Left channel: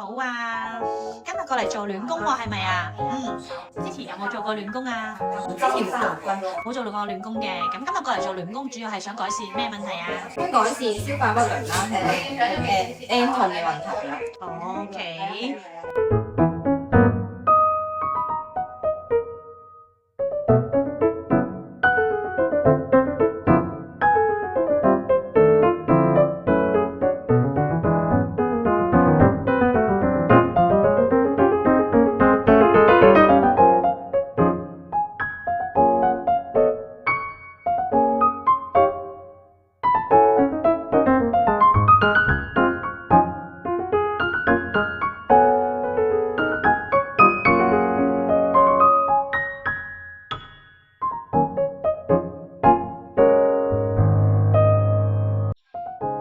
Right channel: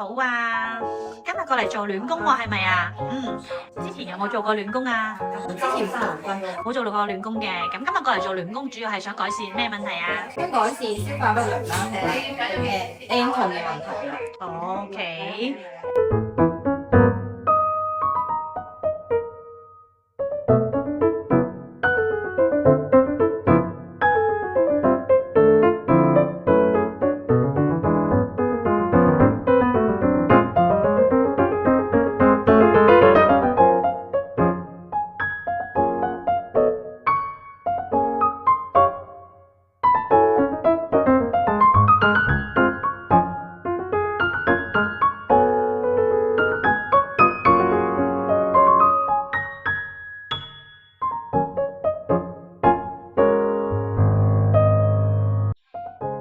好啊，今日過嚟做暖宮喎，係咪啊？之前有冇做過暖宮啊？之前冇做過，冇做過暖宮嘅，咁今日過嚟做暖宮，主要係想改善咩問題啊想改善消化不良啦，同埋N 痛嘅問題啦。 ？OK。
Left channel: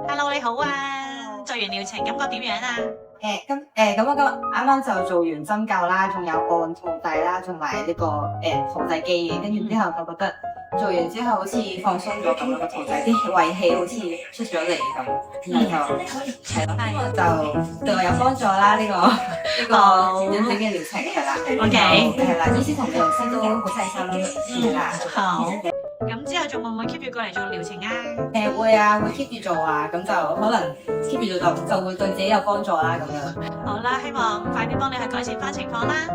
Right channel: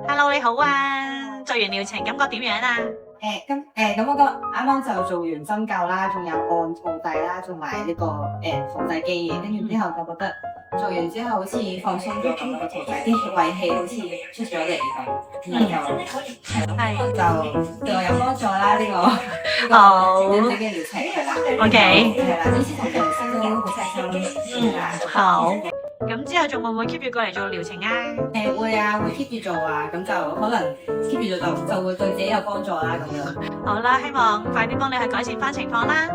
Hello，你好啊，做完療程感覺點樣啊？咁我啱啱就做完針灸啦，仲有按肚底啦，同埋呢個肚底肌嘅，跟住之後就覺得做完之後好似放鬆咗咁，個肚底啲胃氣好似出咗嚟咁，然後就係咯，就對我有幫助啦。呢個引體嘅療程係啦 OK 係啦，醫師同療師都好細心係啦。好，咁之後仲會唔會 keep 住過嚟做療程啊？會啊，會 keep 住做啊，咁就可能 keep 住做就會對自己有幫助啦咁樣。好啦，希望快啲幫你去改善翻情況啦。